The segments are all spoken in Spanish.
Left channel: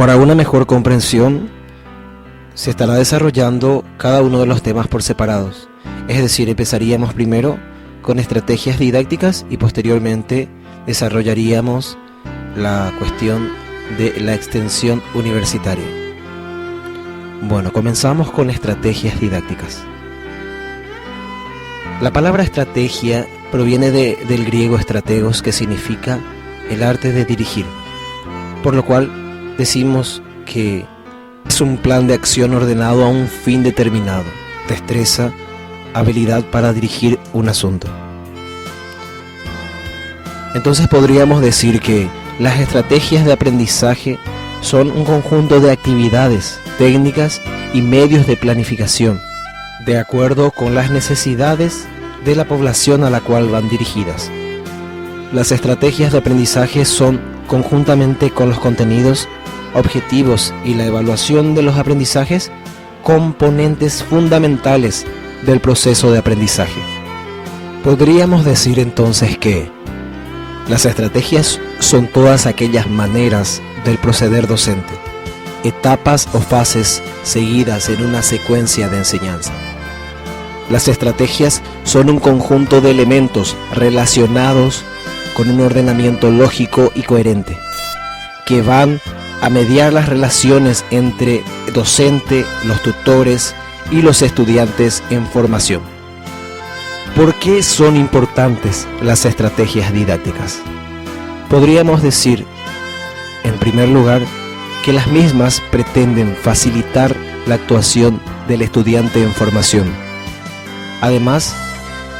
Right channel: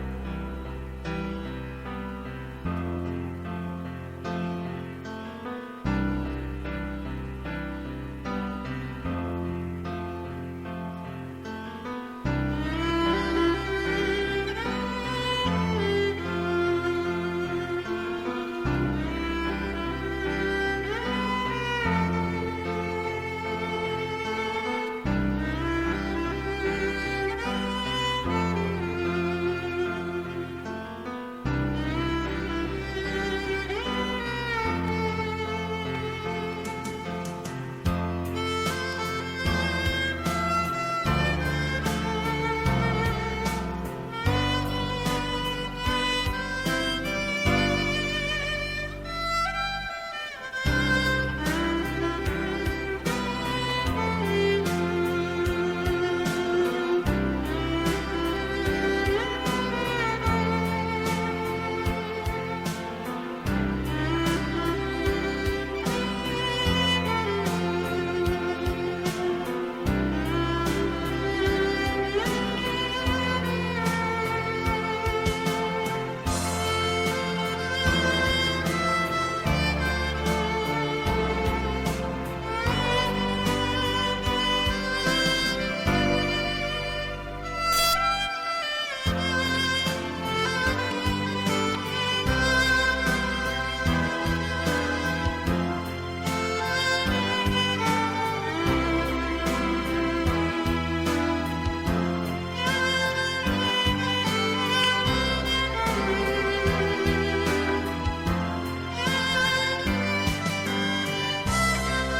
Para una mejor comprensión, se estará desarrollando cada uno de los temas por separados. Es decir, empezaríamos primero con estrategias didácticas y posteriormente desarrollaríamos la cuestión de la extensión universitaria. Bueno, comenzamos con estrategias didácticas. La palabra estrategia proviene del griego strategos, que significa el arte de dirigir, por lo cual decimos que es un plan de acción ordenado a un fin determinado, destreza, habilidad para dirigir un asunto. Entonces podríamos decir que las estrategias de aprendizaje son un conjunto de actividades, técnicas y medios de planificación, de acuerdo con las necesidades de la población a la cual van dirigidas. Las estrategias de aprendizaje son, conjuntamente con los contenidos, objetivos y la evaluación de los aprendizajes, componentes fundamentales del proceso de aprendizaje. Podríamos decir entonces que las estrategias son todas aquellas maneras del proceder docente, etapas o fases seguidas en una secuencia de enseñanza. Las estrategias son un conjunto de elementos relacionados con un ordenamiento lógico y coherente, que van a mediar las relaciones entre el docente, los tutores y los estudiantes en formación. ¿Por qué son importantes las estrategias didácticas? Podríamos decir, en primer lugar, que las mismas pretenden facilitar la actuación del estudiante en formación. Además,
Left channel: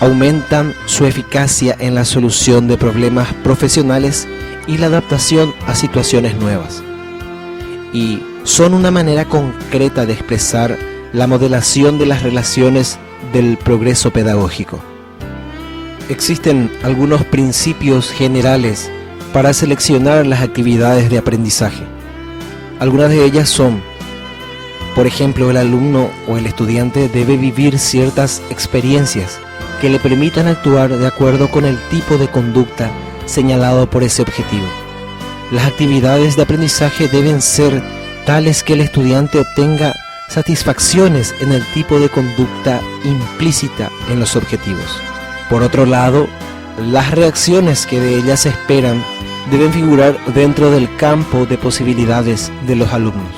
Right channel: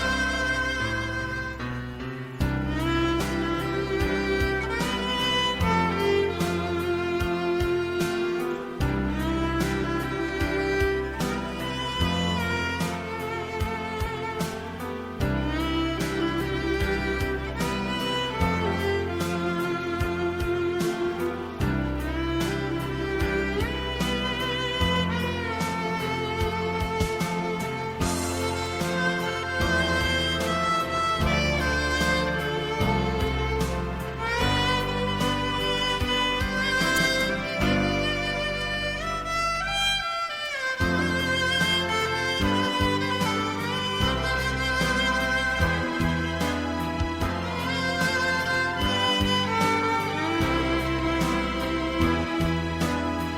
aumentan su eficacia en la solución de problemas profesionales y la adaptación a situaciones nuevas. Y son una manera concreta de expresar la modelación de las relaciones del progreso pedagógico. Existen algunos principios generales para seleccionar las actividades de aprendizaje. Algunas de ellas son, por ejemplo, el alumno o el estudiante debe vivir ciertas experiencias que le permitan actuar de acuerdo con el tipo de conducta señalado por ese objetivo. Las actividades de aprendizaje deben ser tales que el estudiante obtenga satisfacciones en el tipo de conducta implícita en los objetivos. Por otro lado, las reacciones que de ellas se esperan deben figurar dentro del campo de posibilidades de los alumnos.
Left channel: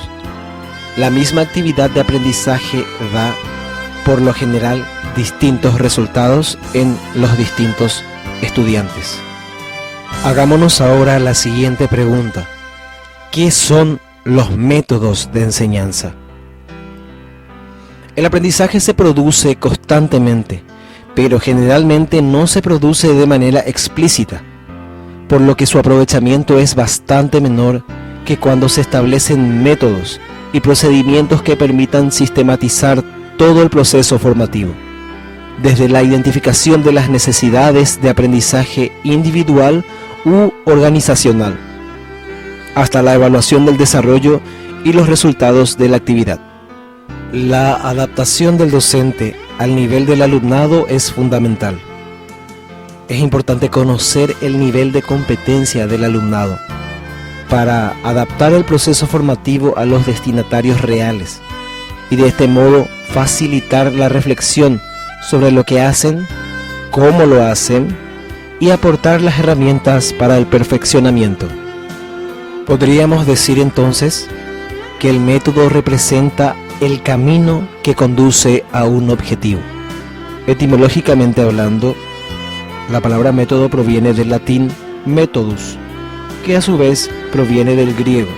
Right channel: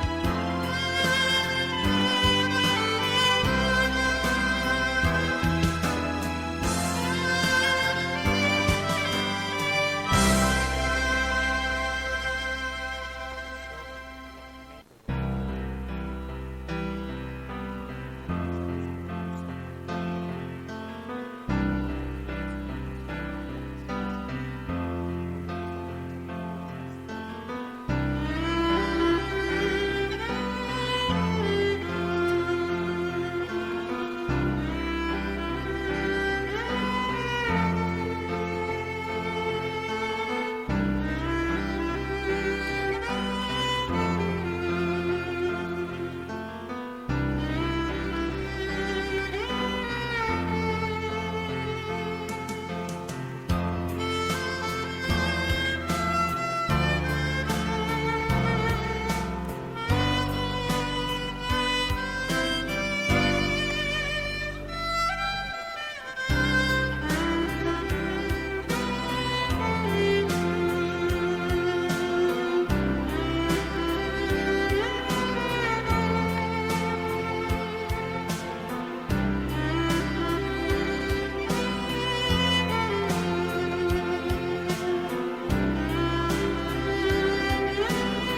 La misma actividad de aprendizaje da, por lo general, distintos resultados en los distintos estudiantes. Hagámonos ahora la siguiente pregunta: ¿qué son los métodos de enseñanza? El aprendizaje se produce constantemente, pero generalmente no se produce de manera explícita, por lo que su aprovechamiento es bastante menor que cuando se establecen métodos y procedimientos que permitan sistematizar todo el proceso formativo, desde la identificación de las necesidades de aprendizaje individual u organizacional, hasta la evaluación del desarrollo y los resultados de la actividad. La adaptación del docente al nivel del alumnado es fundamental. Es importante conocer el nivel de competencia del alumnado para adaptar el proceso formativo a los destinatarios reales y de este modo facilitar la reflexión sobre lo que hacen, cómo lo hacen y aportar las herramientas para el perfeccionamiento. Podríamos decir entonces que el método representa el camino que conduce a un objetivo. Etimológicamente hablando, la palabra método proviene del latín methodus, que a su vez proviene del griego.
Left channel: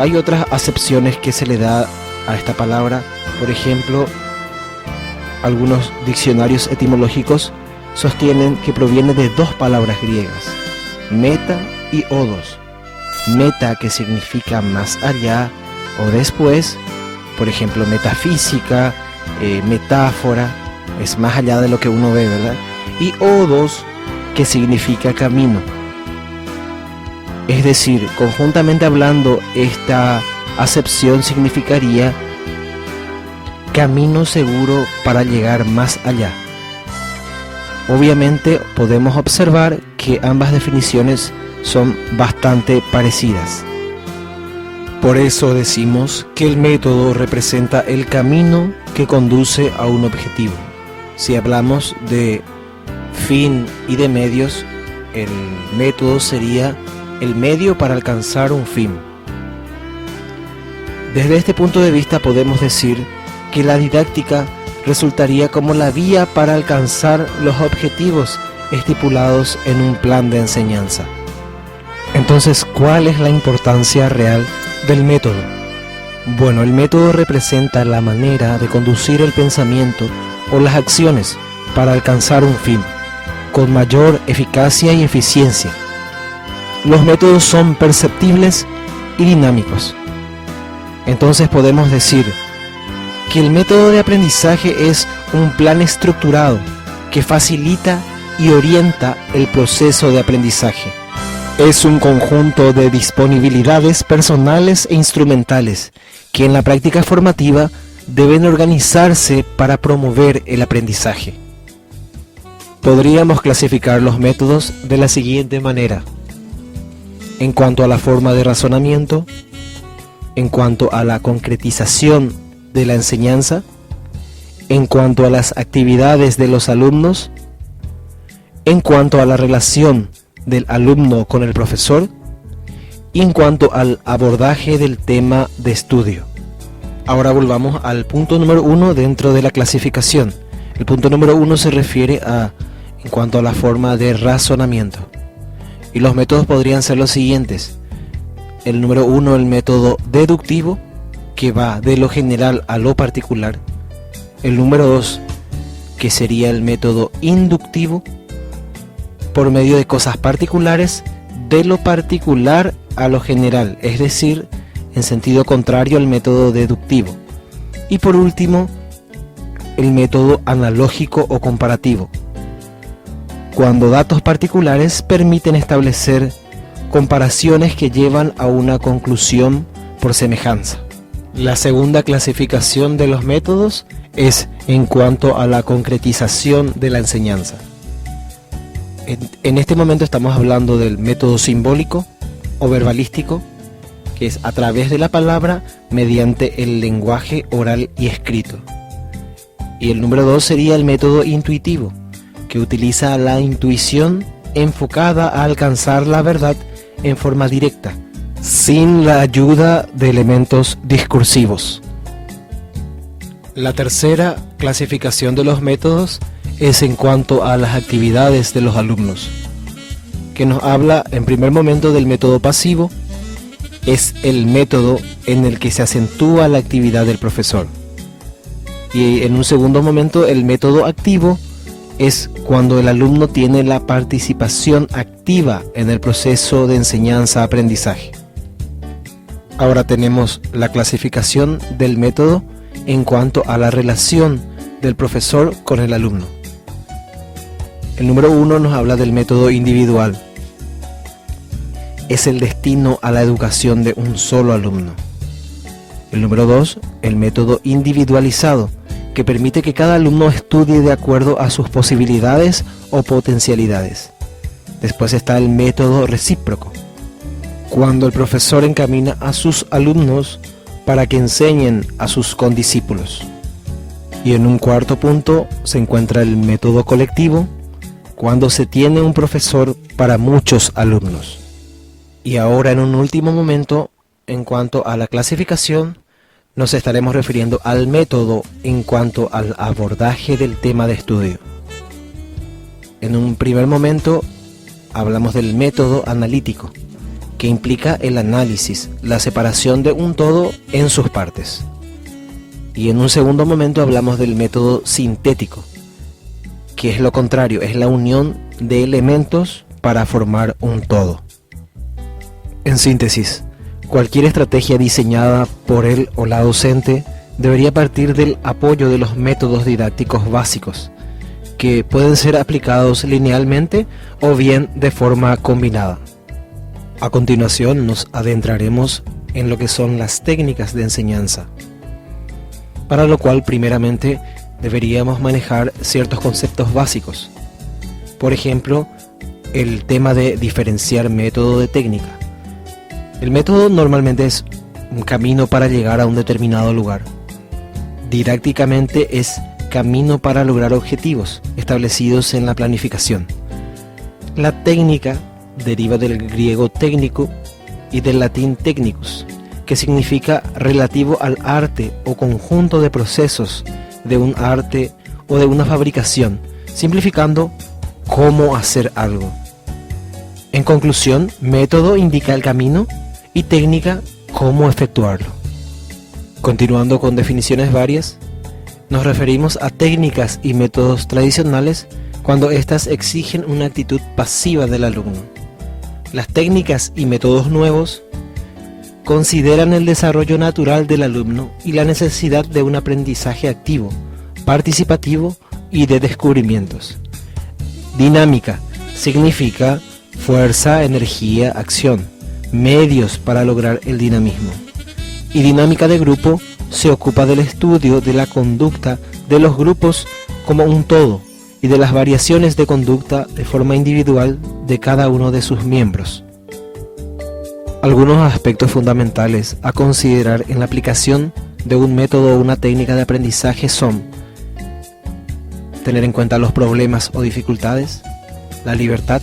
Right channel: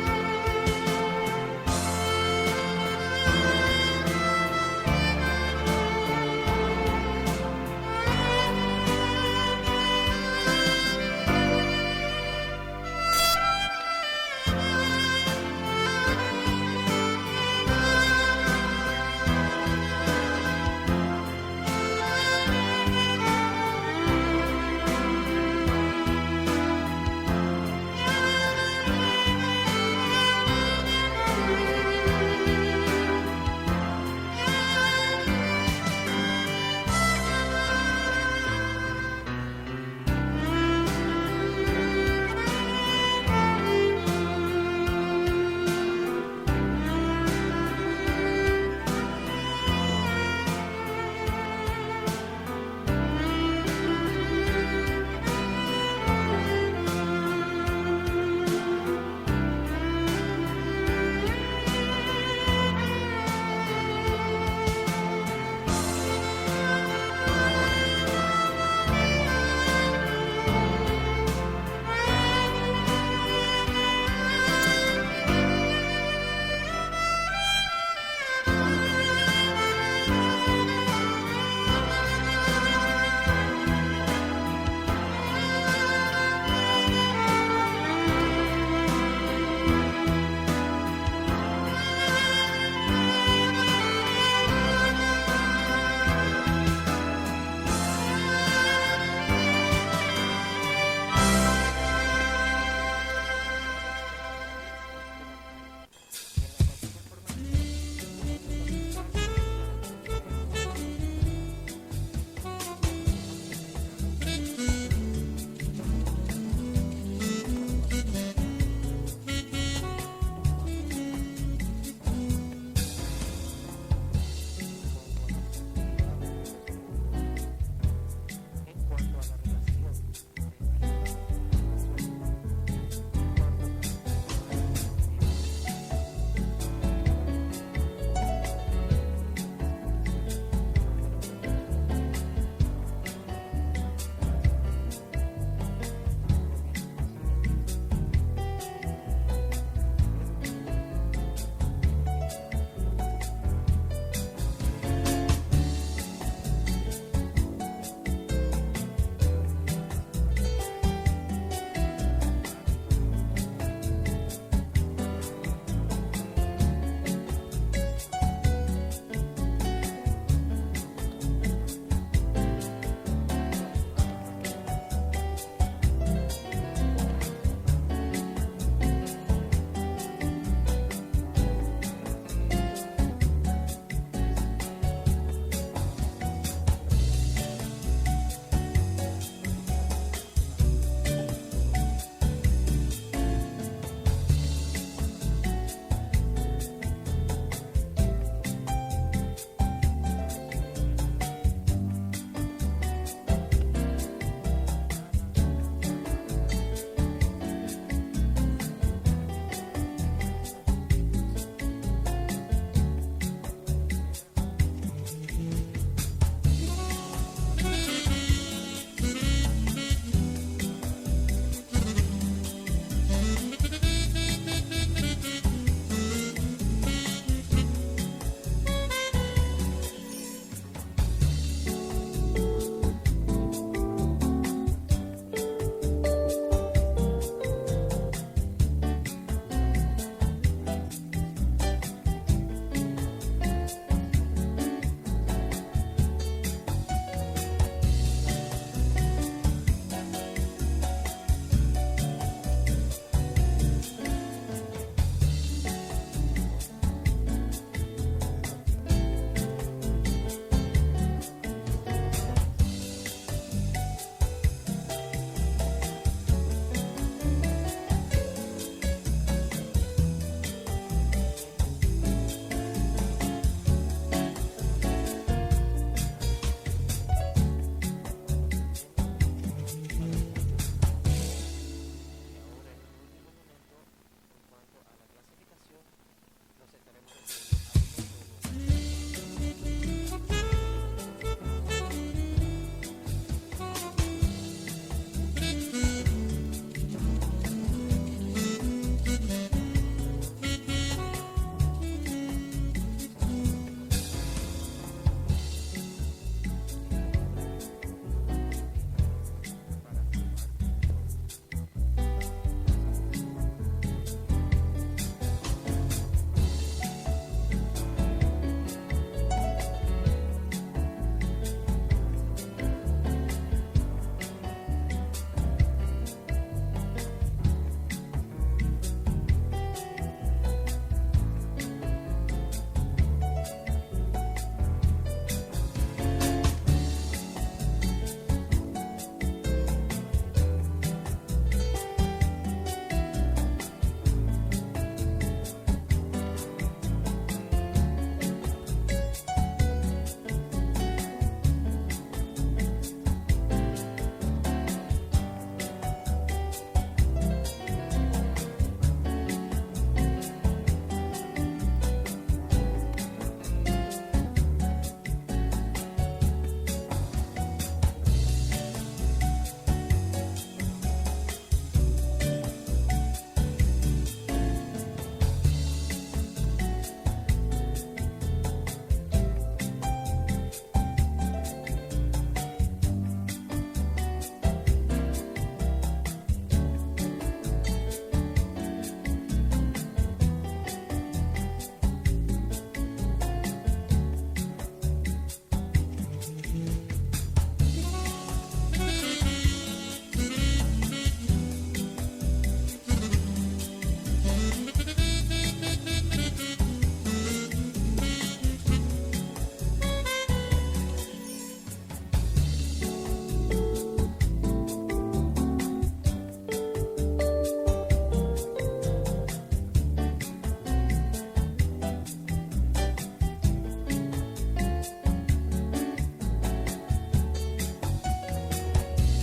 Hay otras acepciones que se le da a esta palabra. Por ejemplo, algunos diccionarios etimológicos sostienen que proviene de dos palabras griegas, meta y odos. Meta, que significa más allá o después, por ejemplo, metafísica, metáfora, es más allá de lo que uno ve, ¿verdad? Y odos, que significa camino. Es decir, conjuntamente hablando, esta acepción significaría camino seguro para llegar más allá. Obviamente podemos observar que ambas definiciones son bastante parecidas. Por eso decimos que el método representa el camino que conduce a un objetivo. Si hablamos de fin y de medios, el método sería el medio para alcanzar un fin. Desde este punto de vista podemos decir que la didáctica resultaría como la vía para alcanzar los objetivos estipulados en un plan de enseñanza. Entonces, ¿cuál es la importancia real del método? Bueno, el método representa la manera de conducir el pensamiento o las acciones para alcanzar un fin, con mayor eficacia y eficiencia. Los métodos son perceptibles y dinámicos. Entonces podemos decir que el método de aprendizaje es un plan estructurado que facilita y orienta el proceso de aprendizaje. Es un conjunto de disponibilidades personales e instrumentales que en la práctica formativa deben organizarse para promover el aprendizaje. Podríamos clasificar los métodos de la siguiente manera: en cuanto a la forma de razonamiento, en cuanto a la concretización de la enseñanza, en cuanto a las actividades de los alumnos, en cuanto a la relación del alumno con el profesor y en cuanto al abordaje del tema de estudio. Ahora volvamos al punto número 1 dentro de la clasificación. El punto número 1 se refiere en cuanto a la forma de razonamiento. Y los métodos podrían ser los siguientes. El número 1, el método deductivo, que va de lo general a lo particular. El número 2, que sería el método inductivo, por medio de cosas particulares, de lo particular a lo general, es decir, en sentido contrario al método deductivo. Y por último, el método analógico o comparativo, cuando datos particulares permiten establecer comparaciones que llevan a una conclusión por semejanza. La segunda clasificación de los métodos es en cuanto a la concretización de la enseñanza. En este momento estamos hablando del método simbólico o verbalístico, que es a través de la palabra mediante el lenguaje oral y escrito. Y el número 2 sería el método intuitivo, que utiliza la intuición enfocada a alcanzar la verdad en forma directa, sin la ayuda de elementos discursivos. La tercera clasificación de los métodos es en cuanto a las actividades de los alumnos, que nos habla en primer momento del método pasivo. Es el método en el que se acentúa la actividad del profesor. Y en un segundo momento, el método activo es cuando el alumno tiene la participación activa en el proceso de enseñanza-aprendizaje. Ahora tenemos la clasificación del método en cuanto a la relación del profesor con el alumno. El número 1 nos habla del método individual. Es el destino a la educación de un solo alumno. El número 2, el método individualizado, que permite que cada alumno estudie de acuerdo a sus posibilidades o potencialidades. Después está el método recíproco, cuando el profesor encamina a sus alumnos para que enseñen a sus condiscípulos. Y en un cuarto punto se encuentra el método colectivo, cuando se tiene un profesor para muchos alumnos. Y ahora en un último momento, en cuanto a la clasificación, nos estaremos refiriendo al método en cuanto al abordaje del tema de estudio. En un primer momento hablamos del método analítico, que implica el análisis, la separación de un todo en sus partes. Y en un segundo momento hablamos del método sintético, que es lo contrario, es la unión de elementos para formar un todo. En síntesis, cualquier estrategia diseñada por él o la docente debería partir del apoyo de los métodos didácticos básicos, que pueden ser aplicados linealmente o bien de forma combinada. A continuación nos adentraremos en lo que son las técnicas de enseñanza, para lo cual primeramente deberíamos manejar ciertos conceptos básicos. Por ejemplo, el tema de diferenciar método de técnica. El método normalmente es un camino para llegar a un determinado lugar. Didácticamente es camino para lograr objetivos establecidos en la planificación. La técnica deriva del griego técnico y del latín technicus, que significa relativo al arte o conjunto de procesos de un arte o de una fabricación, simplificando cómo hacer algo. En conclusión, método indica el camino y técnica cómo efectuarlo. Continuando con definiciones varias, nos referimos a técnicas y métodos tradicionales cuando éstas exigen una actitud pasiva del alumno. Las técnicas y métodos nuevos consideran el desarrollo natural del alumno y la necesidad de un aprendizaje activo, participativo y de descubrimientos. Dinámica significa fuerza, energía, acción, medios para lograr el dinamismo. Y dinámica de grupo se ocupa del estudio de la conducta de los grupos como un todo y de las variaciones de conducta de forma individual de cada uno de sus miembros. Algunos aspectos fundamentales a considerar en la aplicación de un método o una técnica de aprendizaje son: tener en cuenta los problemas o dificultades, la libertad,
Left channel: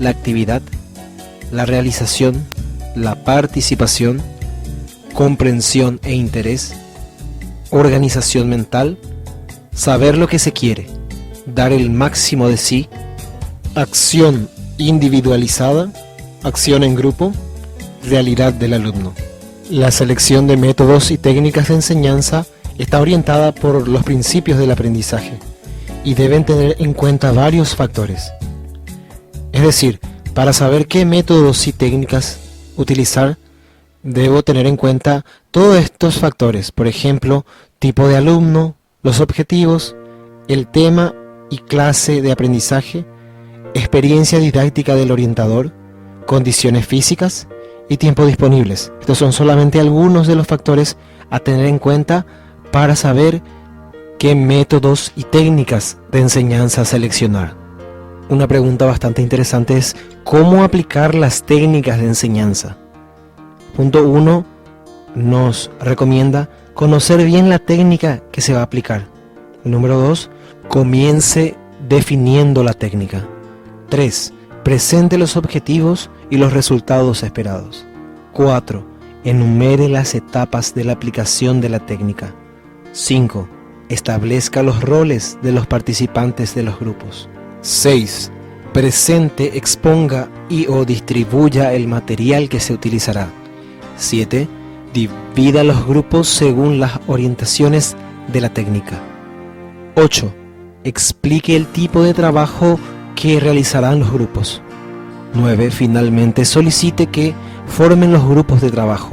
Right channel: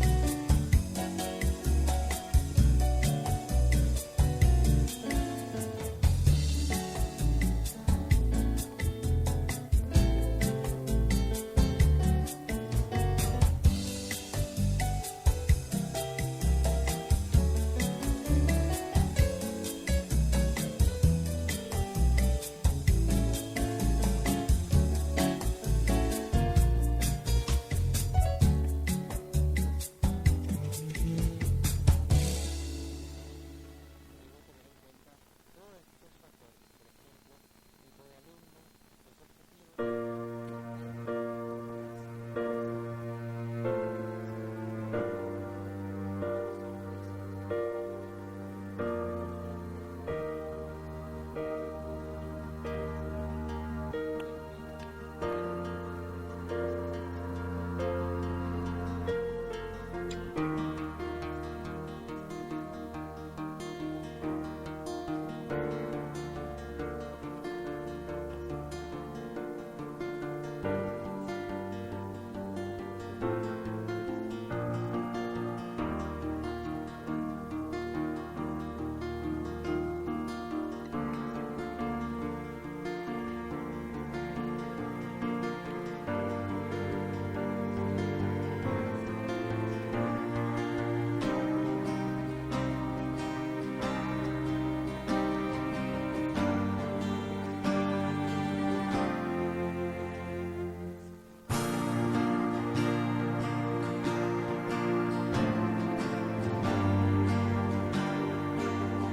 la actividad, la realización, la participación, comprensión e interés, organización mental, saber lo que se quiere, dar el máximo de sí, acción individualizada, acción en grupo, realidad del alumno. La selección de métodos y técnicas de enseñanza está orientada por los principios del aprendizaje y deben tener en cuenta varios factores. Es decir, para saber qué métodos y técnicas utilizar, debo tener en cuenta todos estos factores, por ejemplo, tipo de alumno, los objetivos, el tema y clase de aprendizaje, experiencia didáctica del orientador, condiciones físicas y tiempo disponibles. Estos son solamente algunos de los factores a tener en cuenta para saber qué métodos y técnicas de enseñanza seleccionar. Una pregunta bastante interesante es: ¿cómo aplicar las técnicas de enseñanza? Punto 1 nos recomienda conocer bien la técnica que se va a aplicar. Número 2, comience definiendo la técnica. 3, presente los objetivos y los resultados esperados. 4, enumere las etapas de la aplicación de la técnica. 5, establezca los roles de los participantes de los grupos. 6, presente, exponga y o distribuya el material que se utilizará. 7, divida los grupos según las orientaciones de la técnica. 8, explique el tipo de trabajo que realizarán los grupos. 9, finalmente solicite que formen los grupos de trabajo.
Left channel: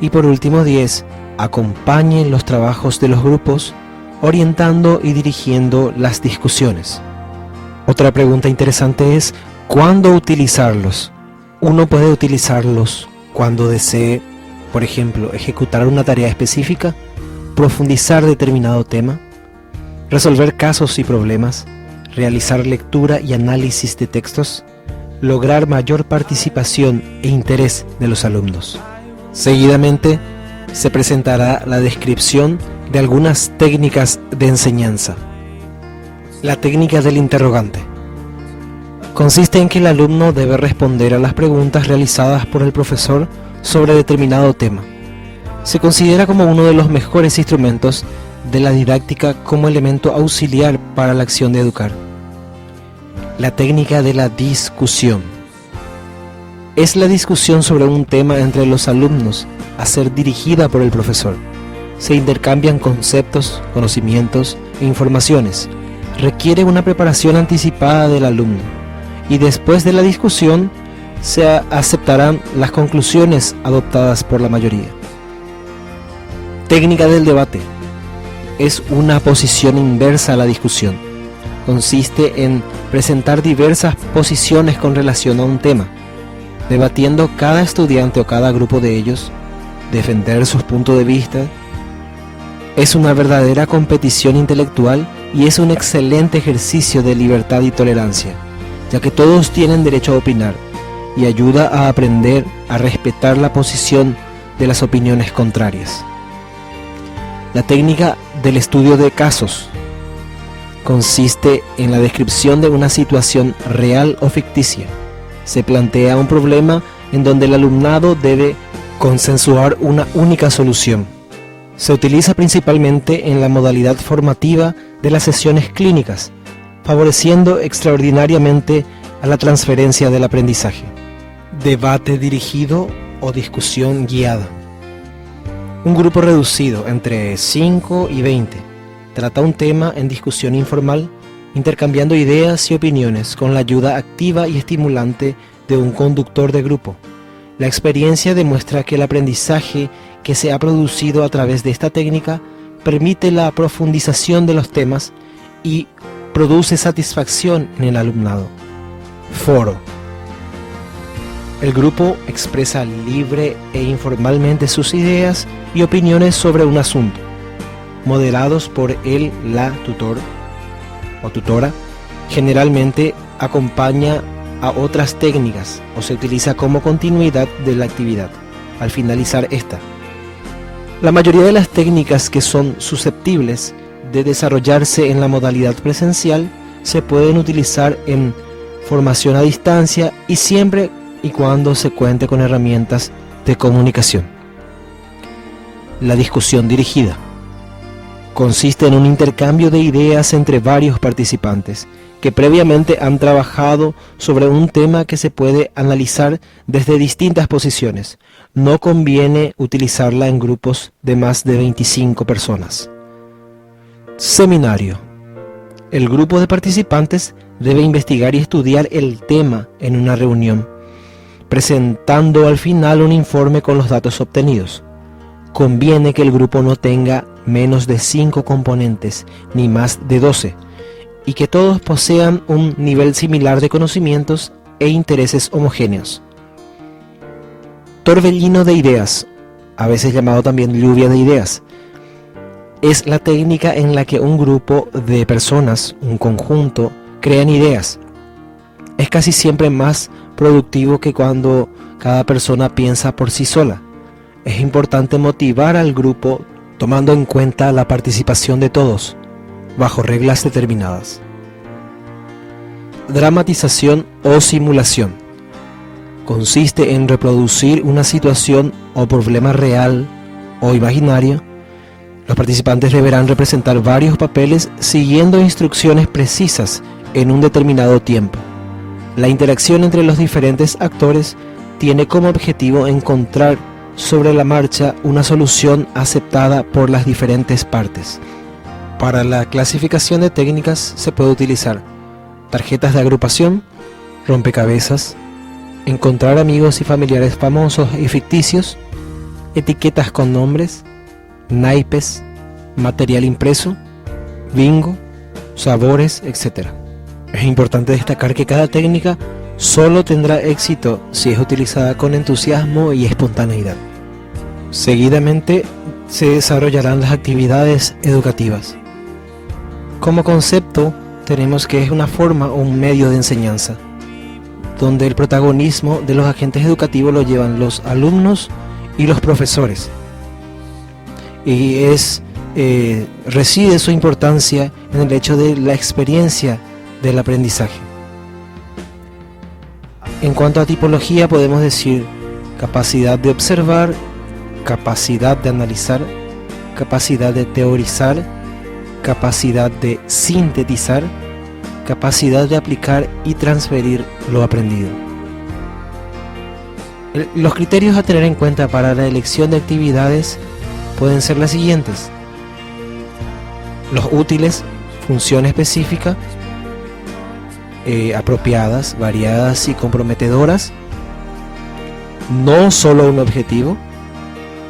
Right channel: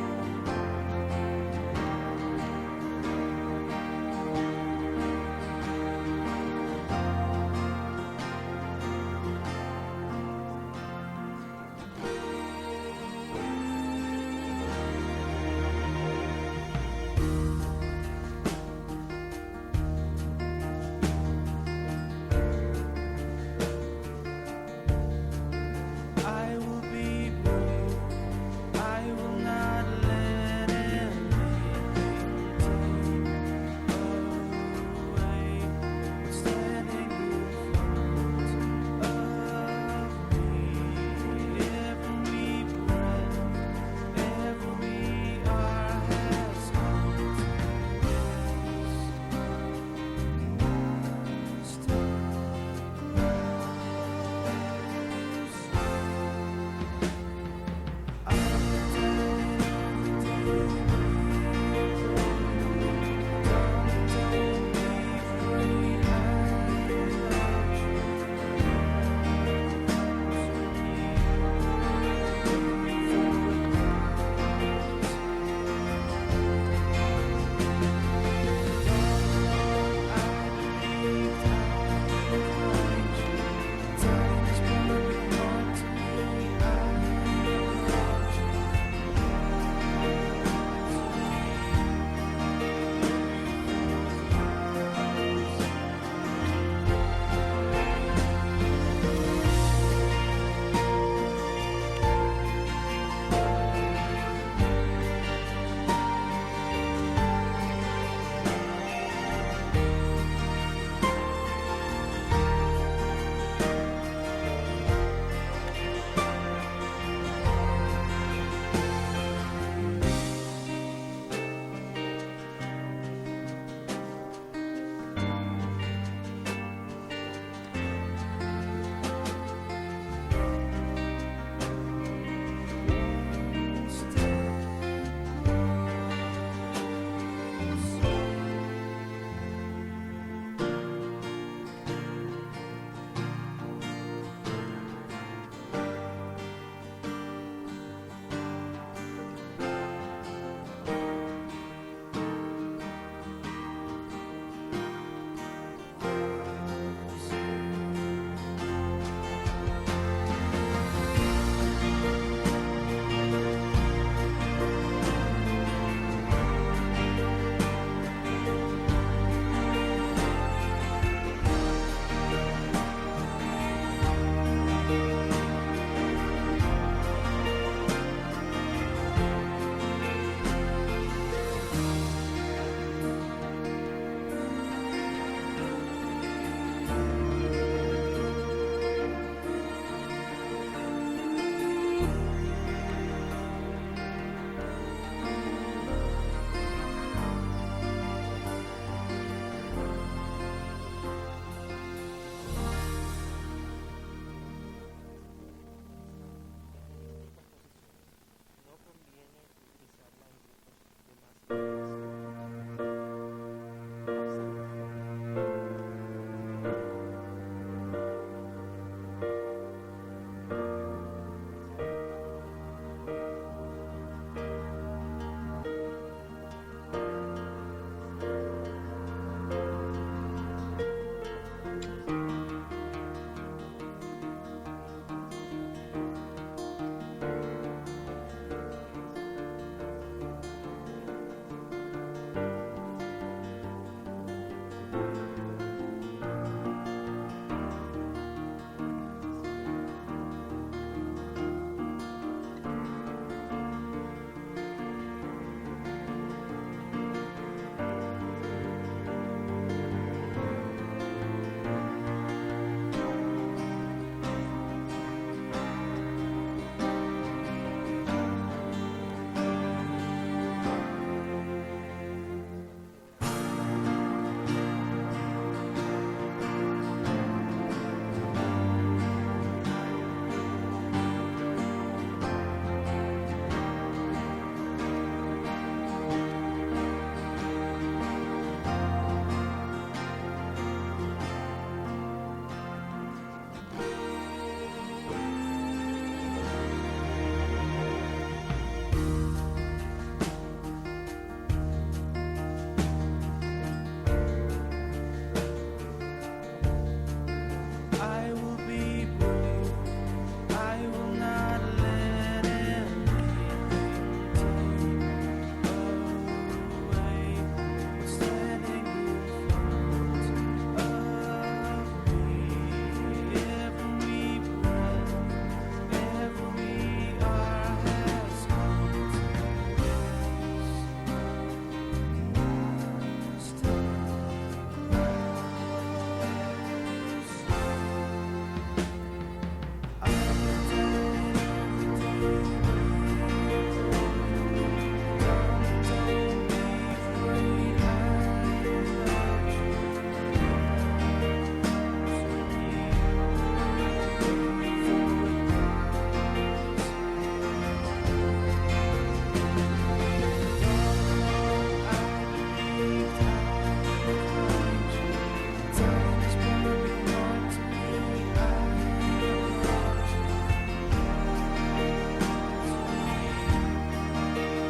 Y por último 10, acompañe los trabajos de los grupos, orientando y dirigiendo las discusiones. Otra pregunta interesante es: ¿cuándo utilizarlos? Uno puede utilizarlos cuando desee, por ejemplo, ejecutar una tarea específica, profundizar determinado tema, resolver casos y problemas, realizar lectura y análisis de textos, lograr mayor participación e interés de los alumnos. Seguidamente se presentará la descripción de algunas técnicas de enseñanza. La técnica del interrogante consiste en que el alumno debe responder a las preguntas realizadas por el profesor sobre determinado tema. Se considera como uno de los mejores instrumentos de la didáctica como elemento auxiliar para la acción de educar. La técnica de la discusión es la discusión sobre un tema entre los alumnos a ser dirigida por el profesor. Se intercambian conceptos, conocimientos e informaciones. Requiere una preparación anticipada del alumno y después de la discusión se aceptarán las conclusiones adoptadas por la mayoría. Técnica del debate es una posición inversa a la discusión. Consiste en presentar diversas posiciones con relación a un tema, debatiendo cada estudiante o cada grupo de ellos, defender sus puntos de vista. Es una verdadera competición intelectual y es un excelente ejercicio de libertad y tolerancia, ya que todos tienen derecho a opinar, y ayuda a aprender a respetar la posición de las opiniones contrarias. La técnica del estudio de casos consiste en la descripción de una situación real o ficticia. Se plantea un problema en donde el alumnado debe consensuar una única solución. Se utiliza principalmente en la modalidad formativa de las sesiones clínicas, favoreciendo extraordinariamente a la transferencia del aprendizaje. Debate dirigido o discusión guiada. Un grupo reducido entre 5 y 20 trata un tema en discusión informal, intercambiando ideas y opiniones con la ayuda activa y estimulante de un conductor de grupo. La experiencia demuestra que el aprendizaje que se ha producido a través de esta técnica permite la profundización de los temas y produce satisfacción en el alumnado. Foro. El grupo expresa libre e informalmente sus ideas y opiniones sobre un asunto, moderados por la tutor o tutora. Generalmente acompaña a otras técnicas o se utiliza como continuidad de la actividad al finalizar esta. La mayoría de las técnicas que son susceptibles de desarrollarse en la modalidad presencial se pueden utilizar en formación a distancia y siempre y cuando se cuente con herramientas de comunicación. La discusión dirigida consiste en un intercambio de ideas entre varios participantes que previamente han trabajado sobre un tema que se puede analizar desde distintas posiciones. No conviene utilizarla en grupos de más de 25 personas. Seminario. El grupo de participantes debe investigar y estudiar el tema en una reunión, presentando al final un informe con los datos obtenidos. Conviene que el grupo no tenga menos de 5 componentes, ni más de 12, y que todos posean un nivel similar de conocimientos e intereses homogéneos. Torbellino de ideas, a veces llamado también lluvia de ideas, es la técnica en la que un grupo de personas, un conjunto, crean ideas. Es casi siempre más productivo que cuando cada persona piensa por sí sola. Es importante motivar al grupo tomando en cuenta la participación de todos, bajo reglas determinadas. Dramatización o simulación. Consiste en reproducir una situación o problema real o imaginario. Los participantes deberán representar varios papeles siguiendo instrucciones precisas en un determinado tiempo. La interacción entre los diferentes actores tiene como objetivo encontrar sobre la marcha una solución aceptada por las diferentes partes. Para la clasificación de técnicas se puede utilizar tarjetas de agrupación, rompecabezas, encontrar amigos y familiares famosos y ficticios, etiquetas con nombres, naipes, material impreso, bingo, sabores, etc. Es importante destacar que cada técnica solo tendrá éxito si es utilizada con entusiasmo y espontaneidad. Seguidamente se desarrollarán las actividades educativas. Como concepto, tenemos que es una forma o un medio de enseñanza, donde el protagonismo de los agentes educativos lo llevan los alumnos y los profesores. Y reside su importancia en el hecho de la experiencia del aprendizaje. En cuanto a tipología, podemos decir capacidad de observar, capacidad de analizar, capacidad de teorizar, capacidad de sintetizar, capacidad de aplicar y transferir lo aprendido. Los criterios a tener en cuenta para la elección de actividades pueden ser las siguientes: los útiles, función específica, apropiadas, variadas y comprometedoras, no solo un objetivo,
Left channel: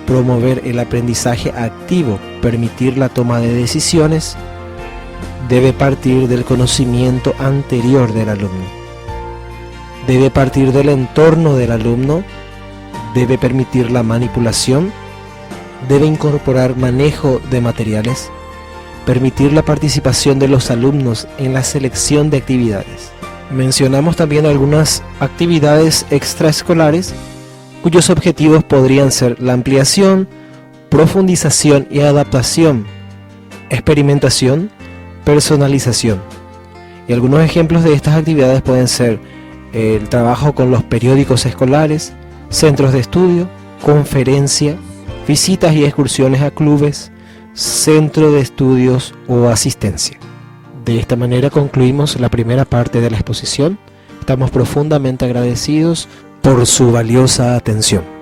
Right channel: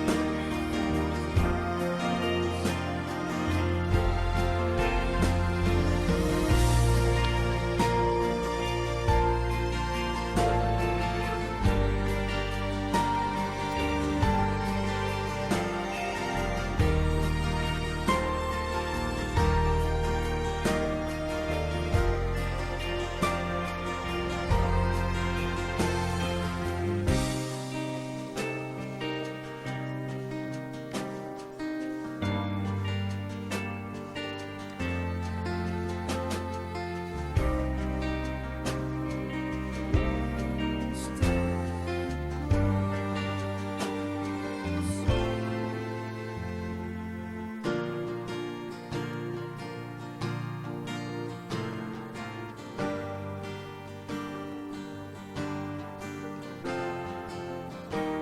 promover el aprendizaje activo, permitir la toma de decisiones, debe partir del conocimiento anterior del alumno, debe partir del entorno del alumno, debe permitir la manipulación, debe incorporar manejo de materiales, permitir la participación de los alumnos en la selección de actividades. Mencionamos también algunas actividades extraescolares cuyos objetivos podrían ser la ampliación, profundización y adaptación, experimentación, personalización. Y algunos ejemplos de estas actividades pueden ser el trabajo con los periódicos escolares, centros de estudio, conferencia, visitas y excursiones a clubes, centro de estudios o asistencia. De esta manera concluimos la primera parte de la exposición. Estamos profundamente agradecidos por su valiosa atención.